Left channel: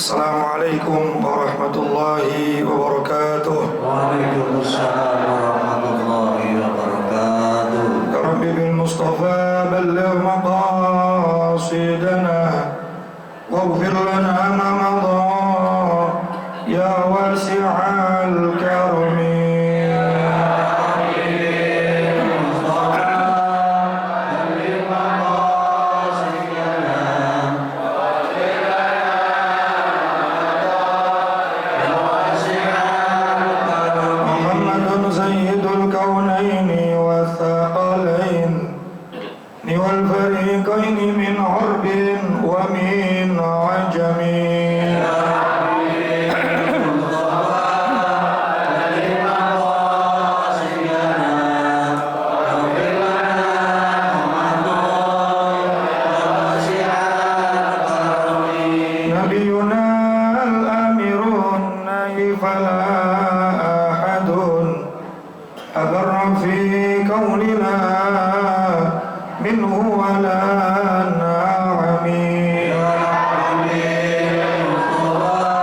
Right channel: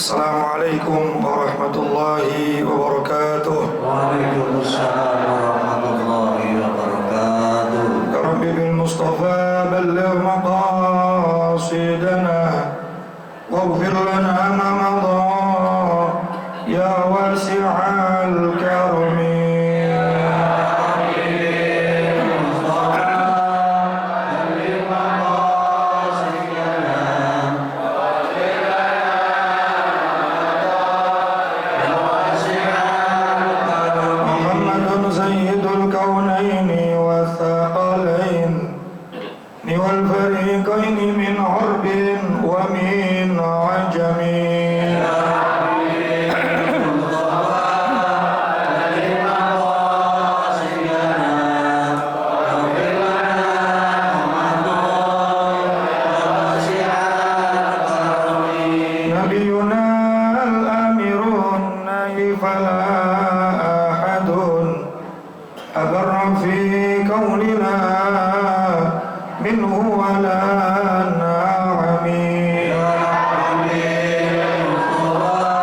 Assalamualaikum warahmatullahi wabarakatuh. Waalaikumsalam warahmatullahi wabarakatuh. Ya Rabbi bil Mustafa balligh maqasidana waghfir lana ma madha ya wasi'al karami. والفريقين من عرب ومن عجم نبينا الأمير النهي فلا أحد أبر في كوننا منه ولا نعم يا حبيب المصطفى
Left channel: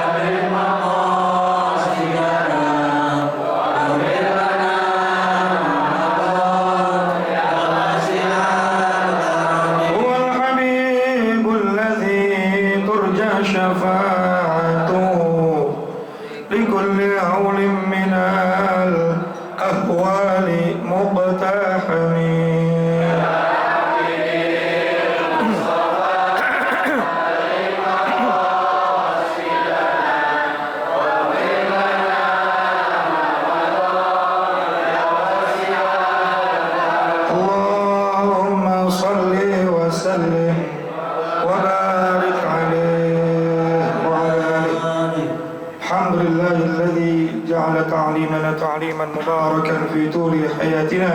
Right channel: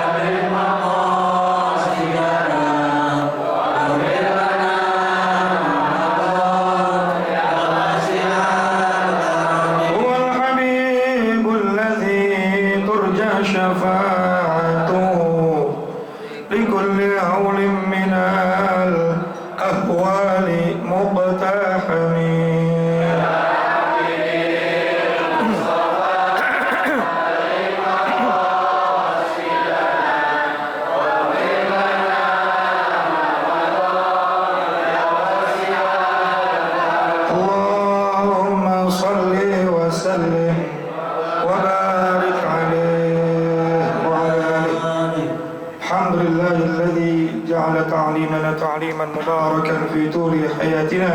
نبي مقاصدنا وغفر لنا يا واسع الكرم هو الحبيب الذي ترجى شفاعته لكل هول من الأهوال مقتحم. تعليمنا تعليما مباركا في طول حياتنا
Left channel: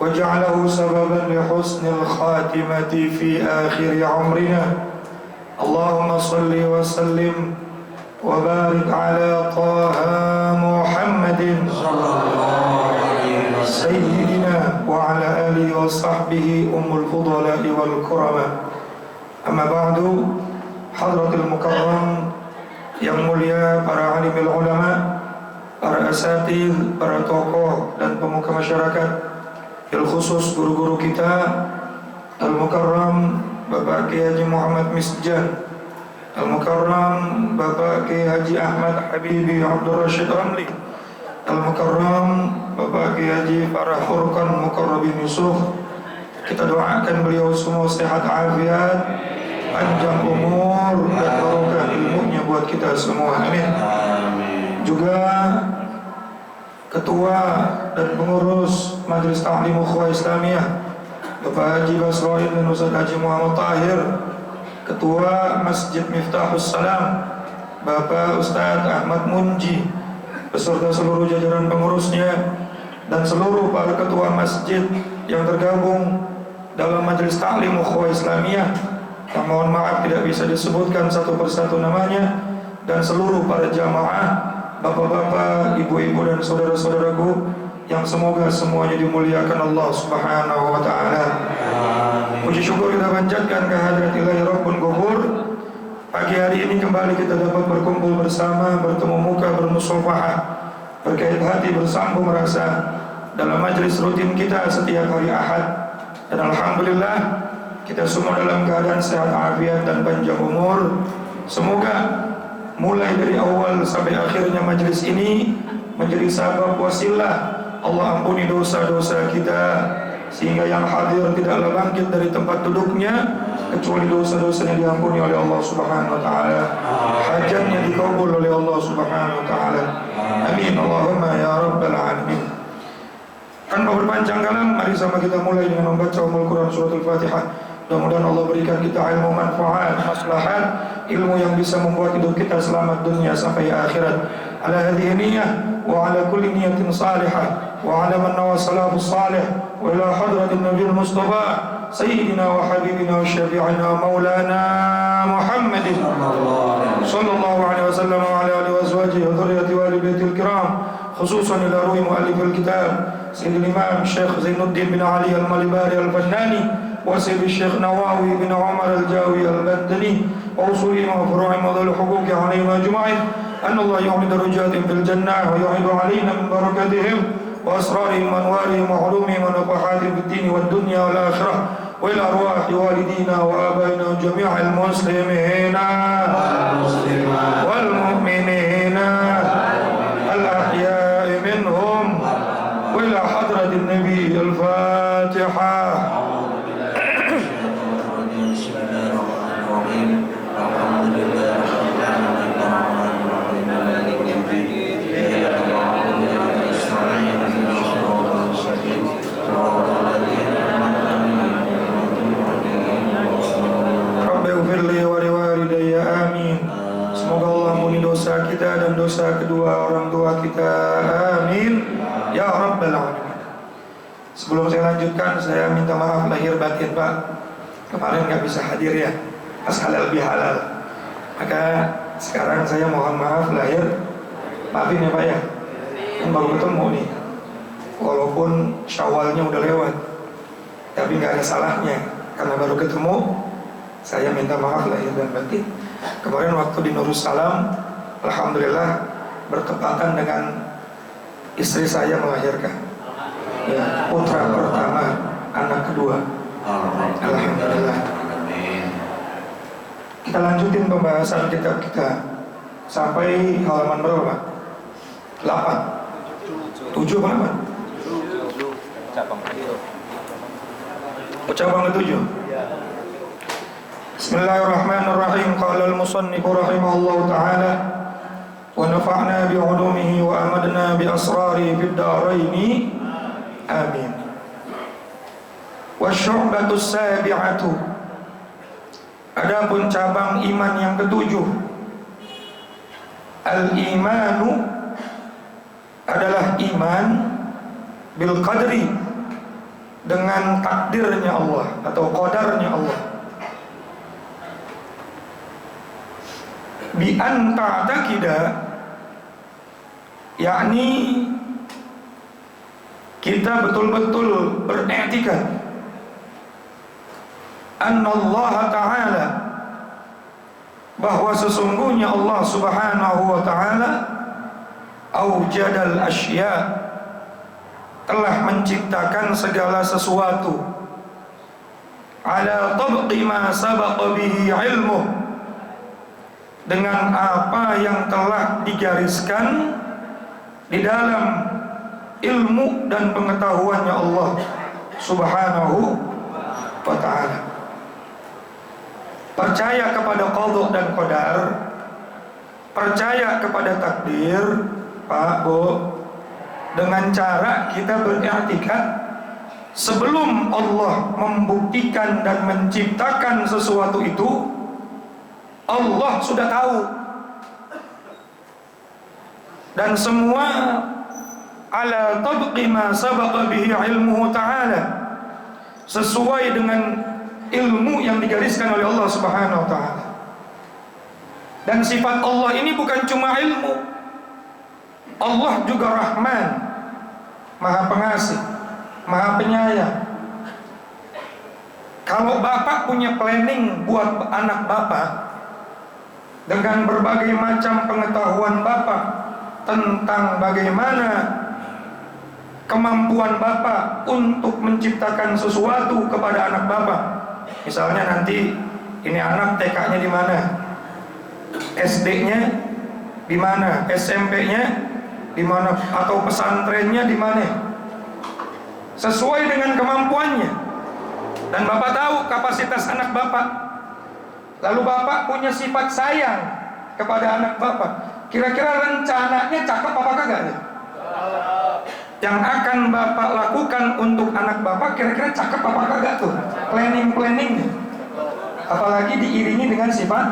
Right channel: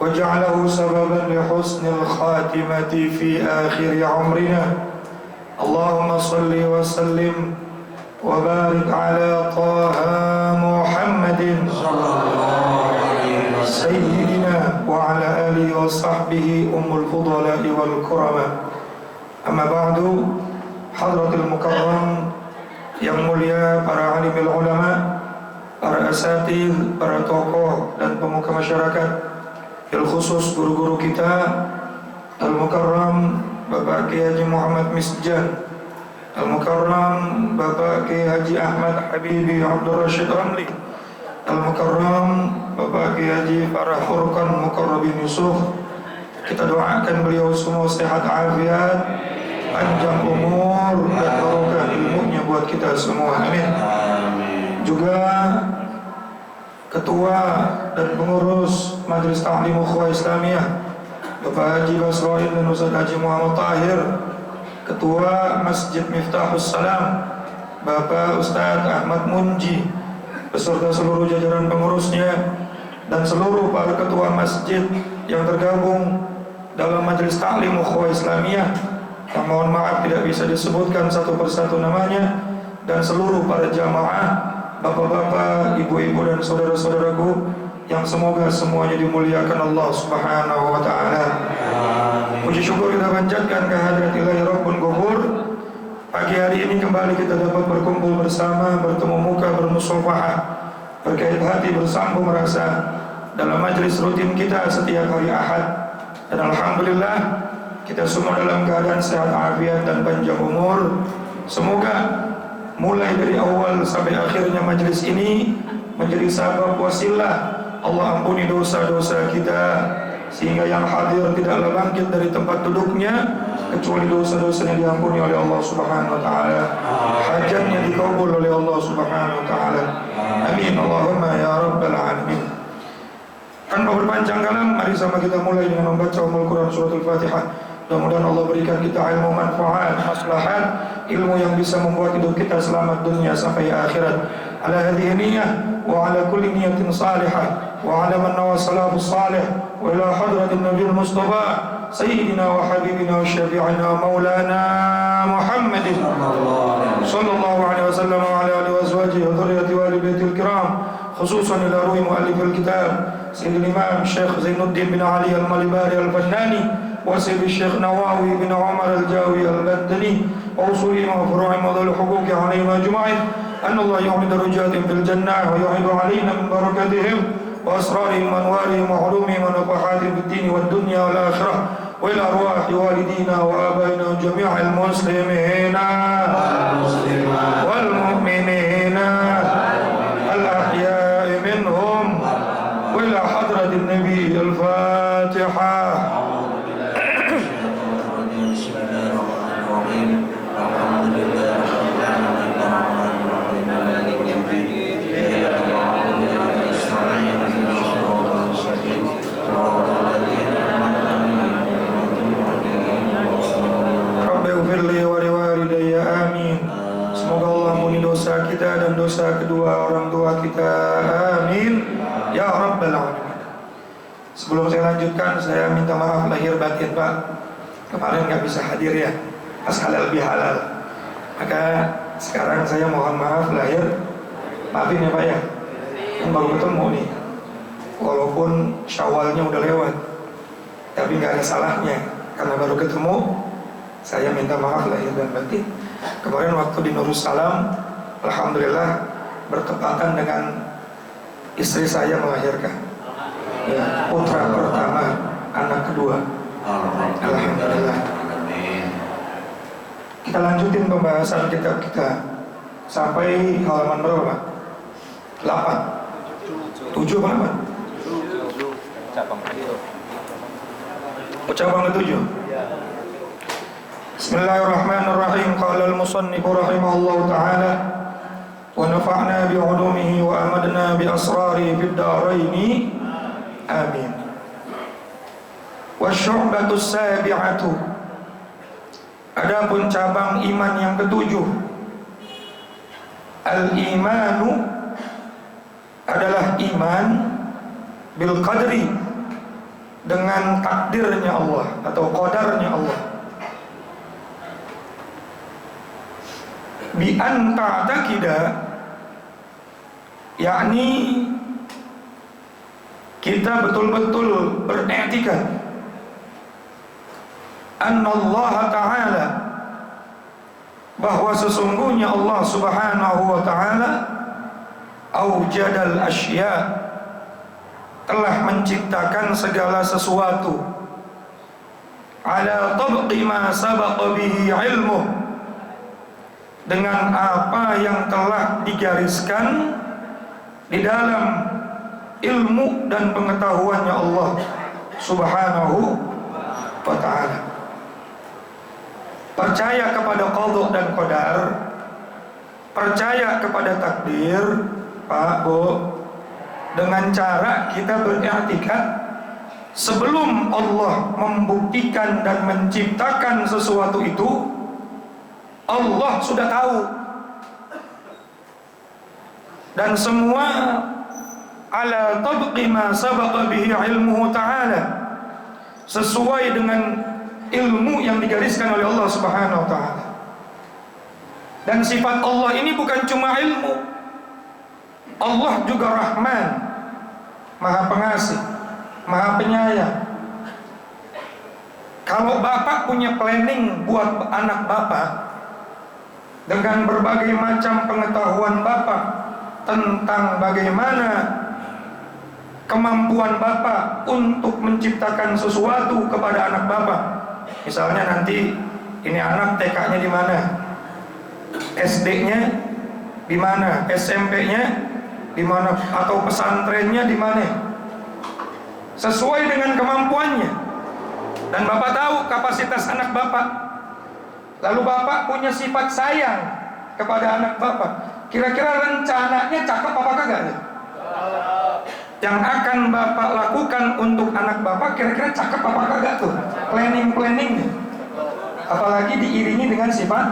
وجعله سببا لحسن الخاتمة في آخر عمرنا. اللهم صل وسلم وبارك على طه محمد سيدنا وعلى آله وصحبه الفضلاء والكرماء. أما بعد، حضرة المكرم yang mulia, para alimul ulama, para asatidz, para tokoh dan pemuka masyarakat, bil khusus guru-guru kita, Al-Mukarram Bapak Kiai Haji Muhammad Misjan, Al-Mukarram Bapak Kiai Haji Ahmad Habibi Abdul Rashid Ramli, Al-Mukarram Bapak Kiai Haji Farah Furqan Mukarrabin Yusuf. Kita doakan beliau semua sehat afiat, panjang umur dan barokah ilmunya buat kita semua, amin. Juga ketua dan pengurus Majelis Ta'lim Ukhuwah Islamiyah Bapak Haji Basroin dan Ustaz Haji Muhammad Tahir, ketua Masjid Miftahus Salam Bapak Ustaz Ahmad Munji beserta seluruh jajaran pengurusnya dan seluruh para ketua masjid yang tergabung dalam Majelis Ta'lim Ukhuwah Islamiyah yang mohon maaf tidak bisa disebutkan satu persatu namanya, dan seluruh para jamaah, bapak-bapak, ibu-ibu dan saudara-saudaraku yang semoga semuanya dimuliakan Allah Subhanahu wa taala. Puji syukur kita panjatkan kehadirat Ilahi Rabbun Ghafur. Pagi hari ini kembali kita dapat berkumpul bersama, bertemu muka, bermusafahah, berkait hati, bersambung rasa dalam majelis rutin kita setiap hari Ahad. Dan alhamdulillah kita semua dalam keadaan sehat afiat dan panjang umur. Semoga mulai dari awal sampai akhirnya majelis ini menjadi sabab wasilah Allah ampuni dosa-dosa kita, sehingga yang hadir tidaklah bangkit dari tempat duduknya kecuali dosa-dosanya diampuni oleh Allah Subhanahu wa taala, hajatnya dikabul oleh Allah Subhanahu wa taala. Amin Allahumma ya rabbal alamin. Tanpa berpanjang kalam, mari sama kita mulai dengan membaca Quran surat Al-Fatihah. Mudah-mudahan Allah berikan kita ilmu manfaat, maslahat, ilmu yang bisa membuat hidup kita selamat dunia sampai akhirat. Ala hadhihi niyyah wa ala kulli niyyatin salihah wa ala man nawa salafus salih wa ila hadratin nabiyil mustafa sayyidina wa habibina wa syafi'ina maulana Muhammadin sallallahu alaihi wasallam wa ala alihi wa azwajihi wa dhurriyyati wa ali baitil kiram, khususan ila ruhi muallifil kitab Sayyidul Imam Syekh Zainuddin bin Ali Al-Malibari Al-Fannani وسيد الشيخ نواوي بن عمر الجاوي المدني وأصولهم وفروعهم وذوي الحقوق عليهم أجمعين أن الله يعمد درجاتهم في الجنة ويعيد علينا من بركاتهم وأسرارهم وأنوارهم وعلومهم ونفحاتهم في الدين والدنيا والآخرة وإلى أرواح والدينا وآبائنا وجميع المسلمين والمؤمنين الأحياء منهم وإلى حضرة النبي الفاتحة. Semoga Allah ampuni dosa kita dan dosa kedua orang tua kita, amin ya rabbal alamin. Sebelum saya lanjutkan, saya minta maaf lahir batin Pak, kemarin nggak bisa hadir ya, pas halal bihalal. Maka sekarang saya mohon maaf lahir, maafin ya Pak ya, kan baru ketemu nih, walaupun Syawalnya udah lewat, tapi nggak ada salahnya karena baru ketemu. Saya minta maaf lahir dan batin. Kemarin waktu di Nurussalam, alhamdulillah bertepatan dengan istri saya melahirkan ya, putra pertama, anak kedua. Alhamdulillah. Kita lanjutin pembahasan kitab kita sampai halaman berapa? 8, 7 apa? Cabang ke-7. Bismillahirrahmanirrahim. Qala al-musannif rahimahullahu ta'ala wa nafa'na bi'ulumihi wa amadna bi asrari fid dharaini amin. Wa syu'batu sabi'atu, adapun cabang iman yang ke-7, al-imanu adalah iman bil qadri, dengan takdirnya Allah atau qadarnya Allah. Bi an ta'taqida, yakni kita betul-betul beriktikad annallaha ta'ala, bahwa sesungguhnya Allah subhanahu wa ta'ala aujadal asya, telah menciptakan segala sesuatu ala tabqi ma sabaqa bihi ilmuh, dengan apa yang telah digariskan di dalam ilmu dan pengetahuannya Allah subhanahu wa ta'ala. Percaya kepada qadha dan qadar, percaya kepada takdir Pak Bu, dengan cara kita beriktikad sebelum Allah membuktikan dan menciptakan sesuatu itu, Allah sudah tahu, dan semua ala tabqi ma sabaqa bihi ilmuhu ta'ala, sesuai dengan ilmu yang digariskan oleh Allah subhanahu wa ta'ala. Dan sifat Allah ini bukan cuma ilmu, Allah juga Rahman, Maha Pengasih, Maha Penyayang. Kalau Bapak punya planning buat anak Bapak, dengan berbagai macam pengetahuan Bapak tentang bagaimana kemampuan Bapak untuk menciptakan sesuatu kepada anak Bapak. Misalnya nanti ini anak TK-nya di mana, SD-nya di mana, SMP-nya di mana, atau pesantrennya di mana, sesuai dengan kemampuannya. Dan Bapak tahu kapasitas anak Bapak. Lalu Bapak punya sifat sayang kepada anak Bapak. Kira-kira rencananya cakep apa kagak ya? Yang akan Bapak lakukan untuk anak Bapak kira-kira cakep apa kagak tuh? Planning-planningnya. Apalagi diiringi dengan sifat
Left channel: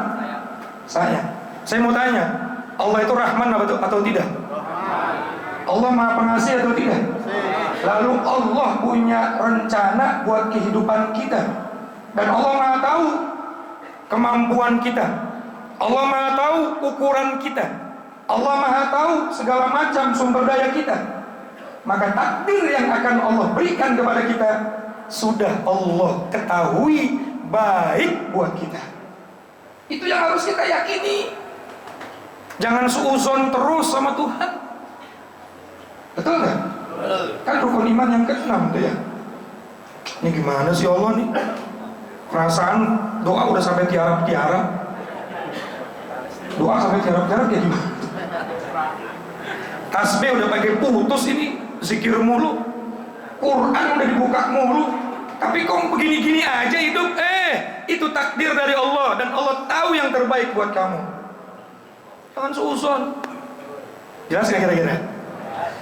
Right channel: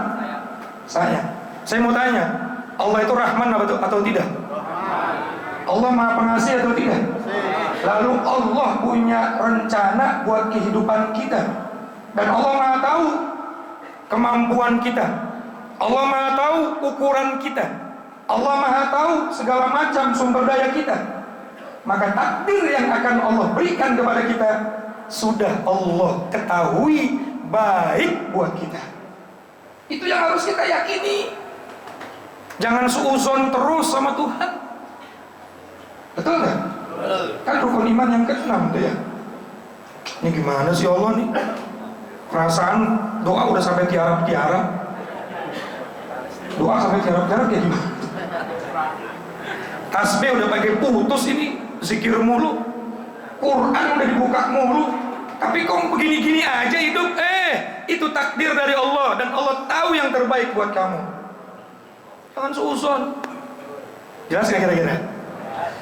sayang. Saya mau tanya, Allah itu Rahman atau tidak? Allah Maha Pengasih atau tidak? Lalu Allah punya rencana buat kehidupan kita, dan Allah Maha tahu kemampuan kita, Allah Maha tahu ukuran kita, Allah Maha tahu segala macam sumber daya kita. Maka takdir yang akan Allah berikan kepada kita sudah Allah ketahui baik buat kita. Itu yang harus kita yakini. Jangan suuzon terus sama Tuhan. Betul nggak? Kan rukun iman yang ke-6 tuh ya. Ini gimana sih Allah nih? Perasaan doa udah sampai tiarap-tiarap. Doa sampai tiarap-tiarap ya gimana? Tasbih udah pakai putus ini, zikir mulu. Quran udah dibuka mulu. Tapi kok begini-gini aja hidup? Itu takdir dari Allah dan Allah tahu yang terbaik buat kamu. Jangan suuzon. Jelas nggak kira-kira?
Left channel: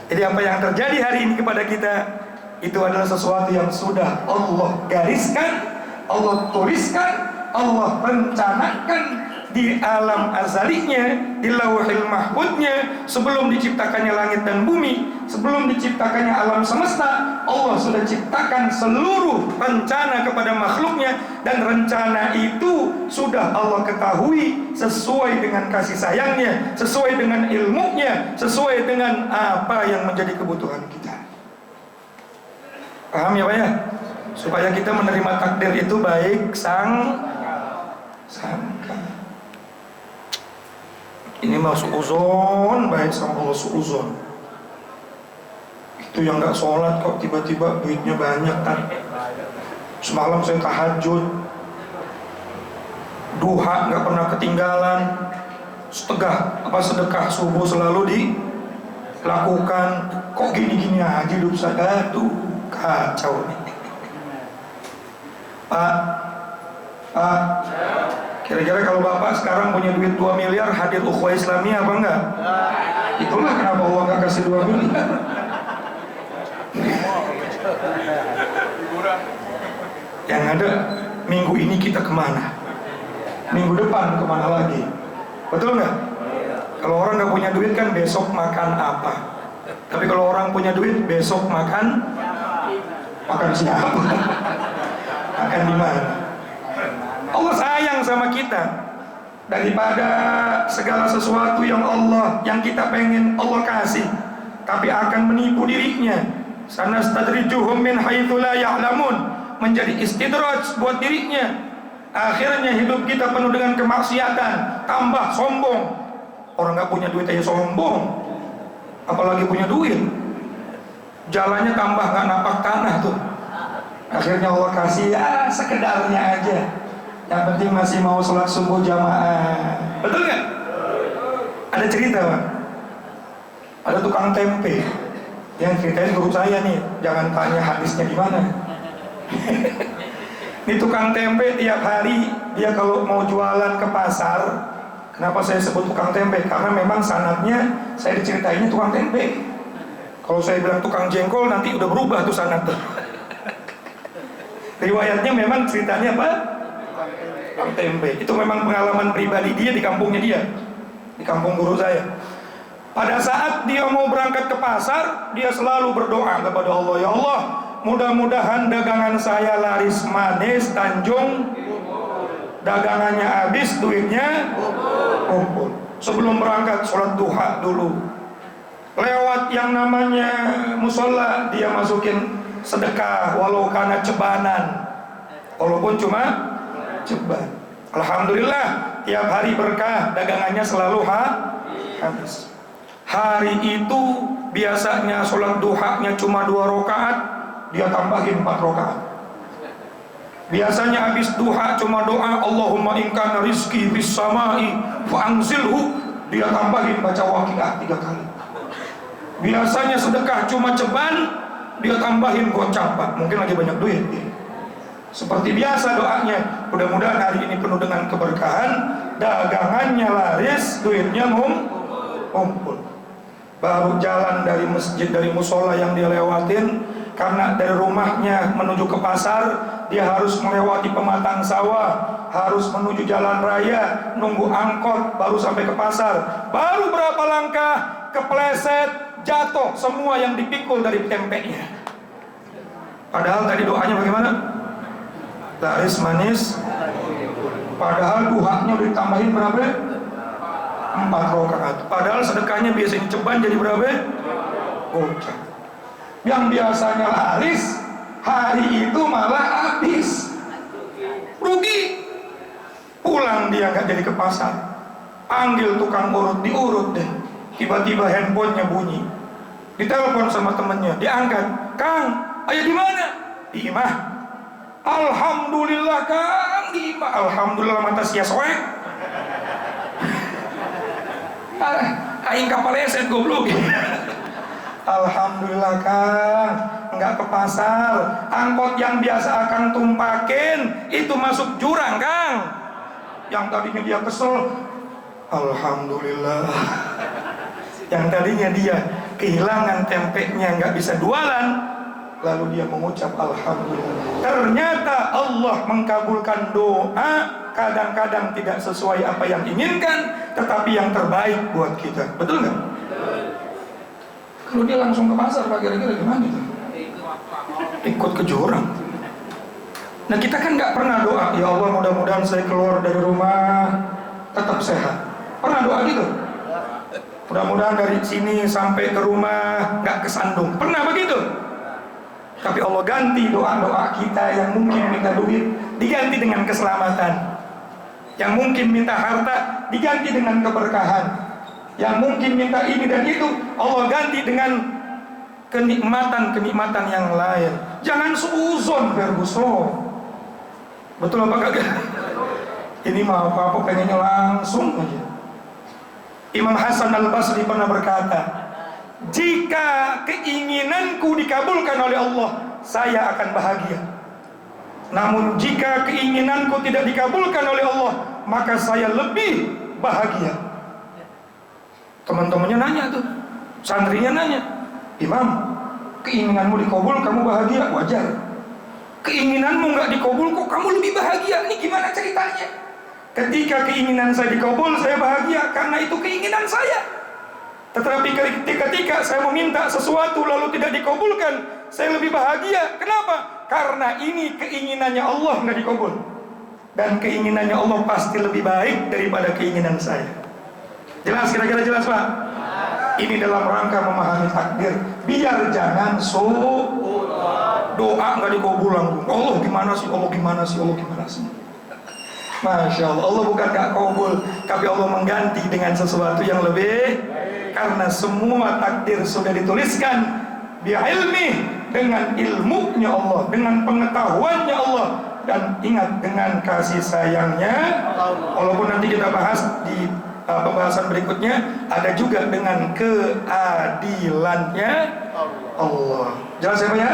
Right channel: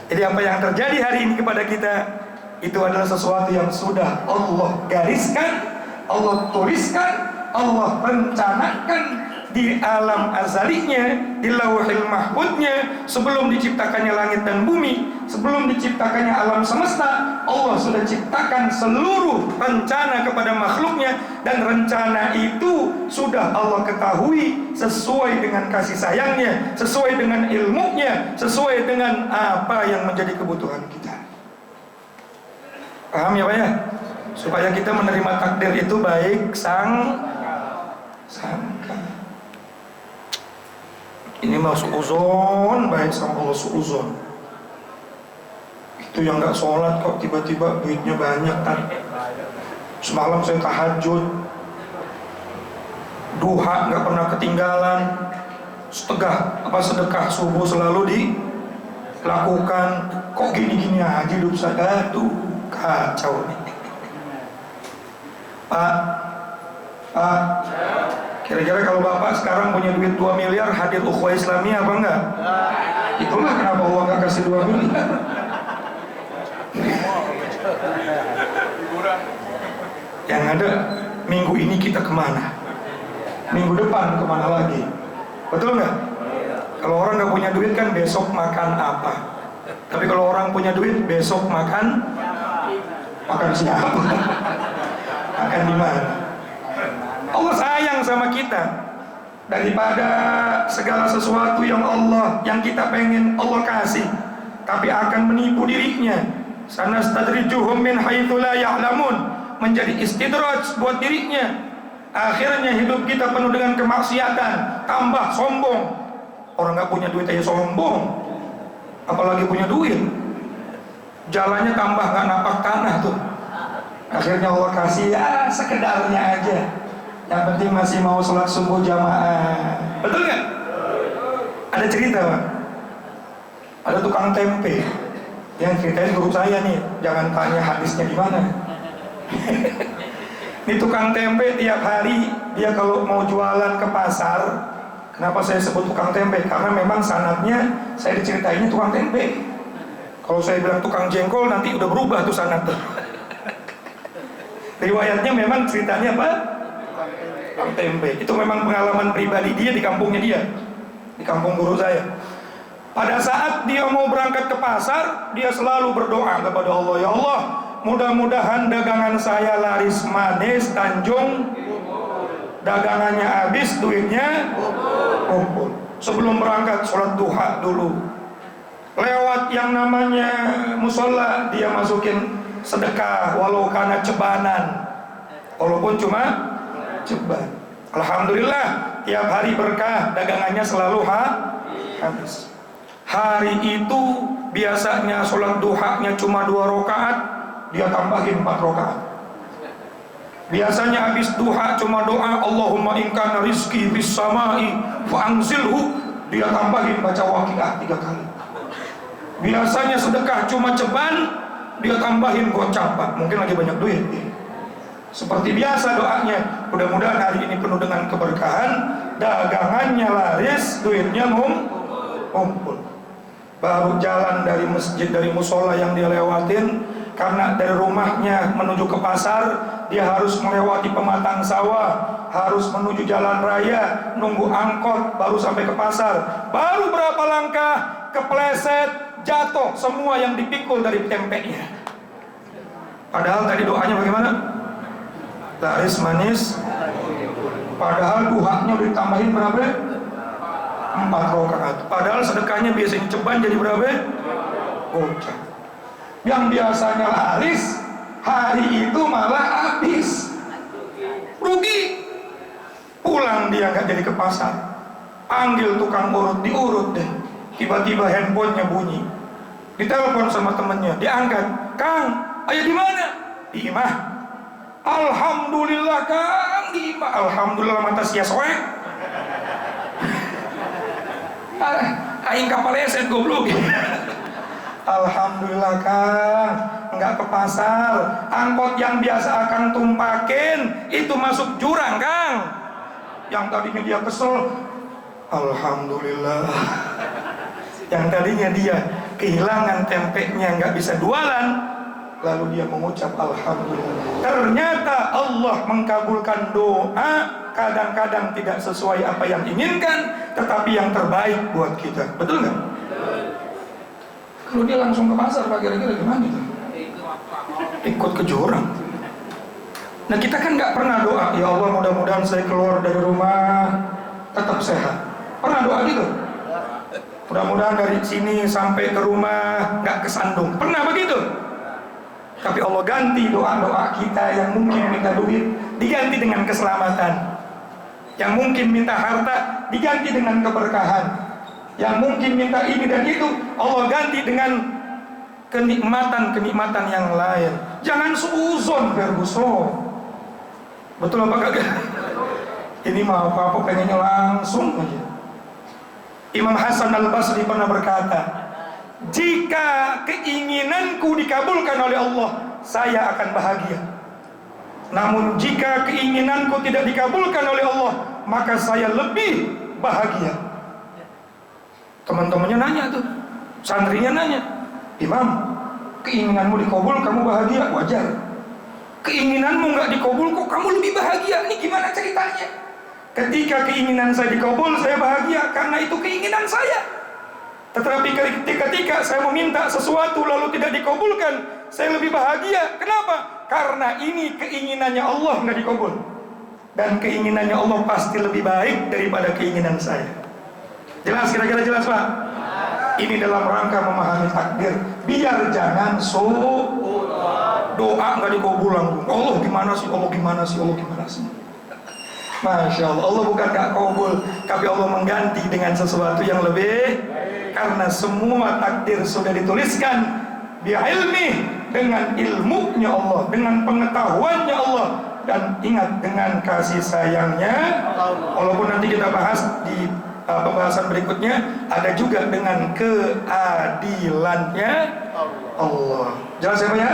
Jadi apa yang terjadi hari ini kepada kita itu adalah sesuatu yang sudah Allah gariskan, Allah tuliskan, Allah rencanakan di alam azalinya, di lauhil mahfudnya, sebelum diciptakannya langit dan bumi, sebelum diciptakannya alam semesta. Allah sudah ciptakan seluruh rencana kepada makhluknya, dan rencana itu sudah Allah ketahui sesuai dengan kasih sayangnya, sesuai dengan ilmunya, sesuai dengan apa yang menjadi kebutuhan kita. Paham ya Pak ya? Supaya kita menerima takdir itu baik sangka. Ini mau suuzon, baik sama Allah suuzon. Itu yang gak sholat kok tiba-tiba duitnya banyak kan. Semalam saya tahajud, duha gak pernah ketinggalan, sedekah subuh selalu dilakukan. Kok gini-gini aja hidup saya? Aduh, kacau nih. Pak, kira-kira kalau Bapak sekarang punya duit 2 miliar, hadir ukhuwah Islamiyah apa enggak? Itulah kenapa Allah enggak kasih 2 miliar. Yang ada, minggu ini kita kemana? Minggu depan kemana lagi? Betul nggak? Kalau orang nggak punya duit kan besok makan apa? Tapi kalau orang punya duit, besok makan siapa? Makan di mana? Allah sayang sama kita. Daripada segala sesuatu yang kita pengen Allah kasih, tapi akan menipu dirinya. Sanastadrijuhum min haitsu la ya'lamun, menjadi istidraj buat dirinya. Akhirnya hidup kita penuh dengan kemaksiatan, tambah sombong. Orang nggak punya duit aja sombong, apalagi punya duit. Jalannya tambah nggak napak tanah tuh. Akhirnya Allah kasih ya sekedarnya aja. Yang penting masih mau sholat subuh jamaah. Betul nggak? Ada cerita Pak. Ada tukang tempe yang ceritain guru saya nih. Jangan tanya hadisnya gimana. Ini tukang tempe tiap hari dia kalau mau jualan ke pasar. Kenapa saya sebut tukang tempe? Karena memang sanadnya saya diceritainnya tukang tempe. Kalau saya bilang tukang jengkol nanti udah berubah tuh sanad tuh. Riwayatnya memang ceritanya apa? Tukang tempe. Itu memang pengalaman pribadi dia di kampungnya dia, di kampung guru saya. Pada saat dia mau berangkat ke pasar, dia selalu berdoa kepada Allah, ya Allah, mudah-mudahan dagangan saya laris manis, Tanjung, dagangannya habis, duitnya kumpul. Sebelum berangkat sholat duha dulu. Lewat yang namanya musola, dia masukin sedekah walau karena cebanan, walaupun cuma ceban. Alhamdulillah tiap hari berkah, dagangannya selalu habis. Hari itu biasanya sholat duhanya cuma 2 rakaat, dia tambahin 4 rakaat. Biasanya habis duha cuma doa Allahumma in kana rizqi bis samai fa anzilhu, dia tambahin baca Waqiah 3 kali. Biasanya sedekah cuma ceban, dia tambahin gocap, Pak. Mungkin lagi banyak duit. Seperti biasa doanya, mudah-mudahan hari ini penuh dengan keberkahan, dagangannya laris, duitnya ngumpul. Baru jalan dari masjid, dari musola yang dia lewatin, karena dari rumahnya menuju ke pasar, dia harus melewati pematang sawah, harus menuju jalan raya, nunggu angkot, baru sampai ke pasar. Baru berapa langkah, kepleset, jatuh semua yang dipikul dari tempenya. Padahal tadi doanya bagaimana? Laris manis. Padahal duhanya udah ditambahin berapa? 4 rakaat. Padahal sedekahnya biasanya ceban jadi berapa? Gocap. Yang biasanya laris hari itu malah habis, rugi. Pulang dia nggak jadi ke pasar, panggil tukang urut, diurut deh. Tiba-tiba handphonenya bunyi, ditelepon sama temennya, diangkat. Kang, ayah di mana? Di imah. Alhamdulillah Kang, di imah. Alhamdulillah mata sia soek. Aing kapal eset goblok. Alhamdulillah Kang, nggak ke pasar. Angkot yang biasa akan tumpakin itu masuk jurang Kang. Yang tadinya dia kesel, alhamdulillah. Yang tadinya dia kehilangan tempenya, nggak bisa jualan, lalu dia mengucap alhamdulillah. Ternyata Allah mengkabulkan doa, kadang-kadang tidak sesuai apa yang inginkan, tetapi yang terbaik buat kita. Betul nggak? Kalau dia langsung ke pasar, Pak, kira-kira gimana itu? Ikut ke jurang. Nah, kita kan nggak pernah doa, ya Allah mudah-mudahan saya keluar dari rumah tetap sehat. Pernah doa gitu? Mudah-mudahan dari sini sampai ke rumah nggak kesandung. Pernah begitu? Tapi Allah ganti doa-doa kita yang mungkin minta duit diganti dengan keselamatan, yang mungkin minta harta diganti dengan keberkahan, yang mungkin minta ini dan itu Allah ganti dengan kenikmatan yang lain. Jangan suuzon Ferguson. Betul apa kagak? Ini mah apa pengennya langsung aja. Imam Hasan Al-Basri pernah berkata, jika keinginanku dikabulkan oleh Allah, saya akan bahagia. Namun jika keinginanku tidak dikabulkan oleh Allah, maka saya lebih bahagia. Teman-temannya nanya tuh, santrinya nanya, Imam, keinginanmu dikabul, kamu bahagia? Wajar. Keinginanmu nggak dikabul, kok kamu lebih bahagia? Ini gimana ceritanya? Ketika keinginan saya dikabul, saya bahagia karena itu keinginan saya. Tetapi ketika saya meminta sesuatu lalu tidak dikabulkan, saya lebih bahagia. Kenapa? Karena ini keinginannya Allah nggak dikabul, dan keinginannya Allah pasti lebih baik daripada keinginan saya. Jelas, kira-kira jelas Pak? Ini dalam rangka memahami takdir, biar jangan doa nggak dikabul langsung. Allah gimana sih? Allah gimana sih? Allah gimana sih? Masya Allah, Allah bukan gak kabul, tapi Allah mengganti dengan sesuatu yang lebih. Karena semua takdir sudah dituliskan bi'ilmi, dengan ilmunya Allah, dengan pengetahuannya Allah, dan ingat dengan kasih sayangnya. Walaupun nanti kita bahas di pembahasan berikutnya, ada juga dengan keadilannya Allah. Jelas ya Pak ya?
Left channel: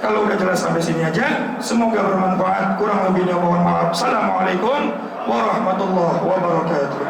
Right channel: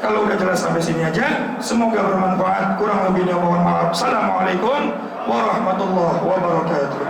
Kalau udah jelas sampai sini aja, semoga bermanfaat. Kurang lebihnya mohon maaf. Assalamualaikum warahmatullahi wabarakatuh.